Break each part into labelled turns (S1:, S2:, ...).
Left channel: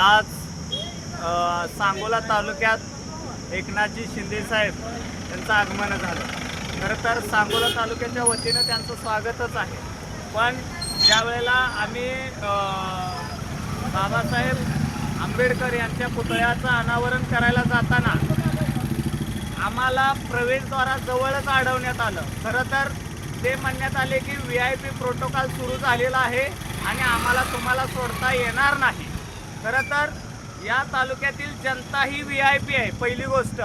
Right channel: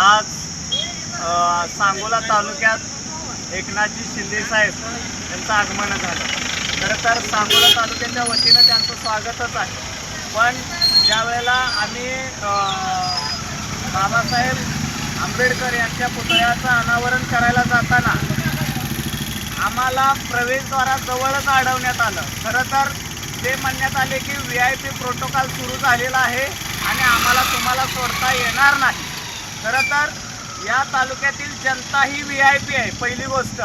S1: आज सांगोला तालुक्यात एकनाथजी शिंदेसाहेब यांचं आगमन झालं. खरं तर सांगोला तालुक्याच्या वतीनं त्यांचं स्वागतच आहे. पण ज्यावेळेला आम्ही बाबासाहेब आंबेडकर यांच्या पुतळ्याचं अनावरण करायला जाताना आम्हाला प्रवेशद्वाराजवळच अडवण्यात आलं. खरं तर ते म्हणण्यात आले की व्ही आय पी प्रोटोकॉल सुरू झालेला आहे आणि आम्हाला तुम्हाला सोडता येणार नाही. खरं तर या तालुक्यातील जनता ही व्ही आय पी आहे पहिली गोष्ट.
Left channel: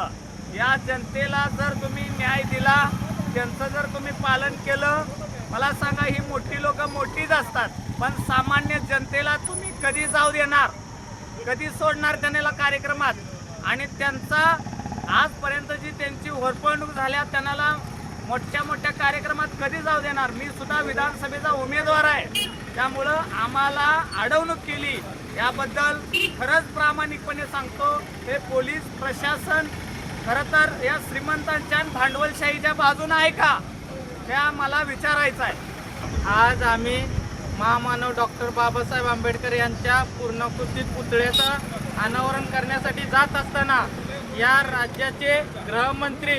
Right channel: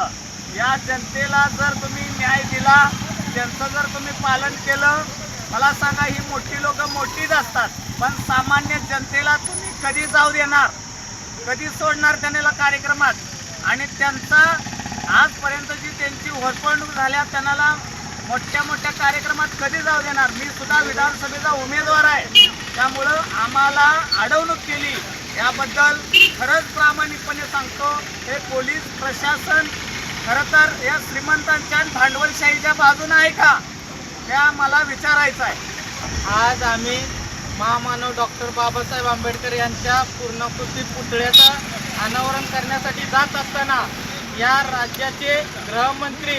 S1: या जनतेला जर तुम्ही न्याय दिला त्यांचं जर तुम्ही पालन केलं मला सांगा ही मोठी लोक मोठीच असतात पण सामान्य जनतेला तुम्ही कधी जाऊ देणार? कधी सोडणार त्यांना कार्यक्रमात? आणि त्यांचा आजपर्यंत जी त्यांची होरपळणूक झाल्या त्यांना मोठ्या मोठ्या कार्यक्रमात कधी जाऊ देणार? मी सुद्धा विधानसभेचा उमेदवार आहे. त्यामुळं आम्हाला अडवणूक केली. याबद्दल खरंच प्रामाणिकपणे सांगतो हे पोलीस प्रशासन खरं तर या श्रीमंतांच्या भांडवलशाहीच्या बाजूनं आहे का? त्या मला विचारायचं आहे.
S2: आज आम्ही महामानव डॉक्टर बाबासाहेब आंबेडकर यांच्या पूर्णकृती पुतळ्याचं अनावरण करण्यासाठी जात असताना या राज्याचे गृहमंत्री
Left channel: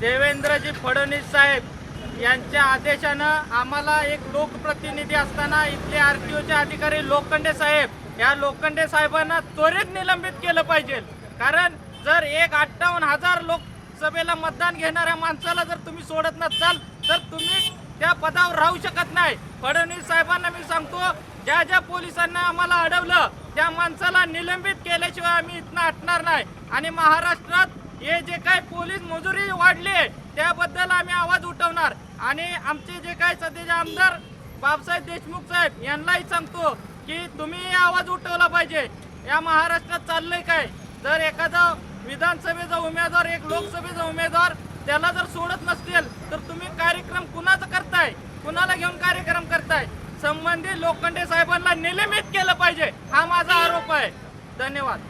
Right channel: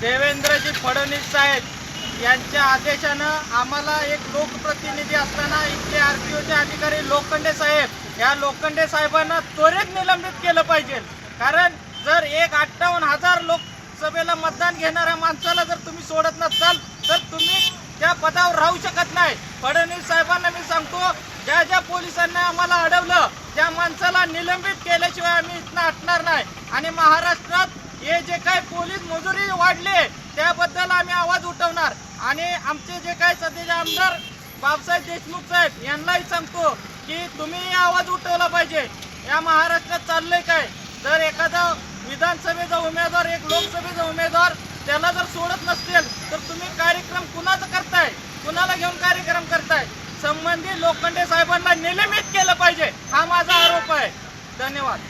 S2: देवेंद्रजी फडणवीस साहेब यांच्या आदेशानं आम्हाला एक लोकप्रतिनिधी असताना इथले आर टी ओचे अधिकारी लोखंडे साहेब या लोखंडे साहेबांना त्वरित निलंबित केलं पाहिजे. कारण जर एक अठ्ठावन्न हजार लोकसभेला मतदान घेणाऱ्या माणसाला जर तुम्ही सोडत नसाल तर तुम्ही त्या पदावर राहू शकत नाही. फडणवीस साहेबांना मी सांगतो ज्या ज्या पोलिसांना आम्हाला अडवलं त्या माणसाला निलंबित केल्याशिवाय आम्ही इथनं हटणार नाही. आणि महाराष्ट्रात हे जे काही पोलीस मजुरी वाढले त्याबद्दल आम्ही आवाज उठवणार. आणि आमचे जे काही सध्याचे आमदार बाबासाहेब देशमुख साहेब यांनाही सांगतो की तुम्ही आवाज उठवला पाहिजे. या महाराष्ट्रात चाललंय काय? जर एखादा विधानसभेचा उमेदवार एक लोकसभेचा उमेदवार त्याला जर सोडत नसतील तर तुम्ही कार्यक्रम कुणाचा करताय? कुणाला घेऊन कार्यक्रम करताय? संबंधित लोखंडे साहेबांना निलंबित केलं पाहिजे. हा माझा आरोप आहे. धन्यवाद.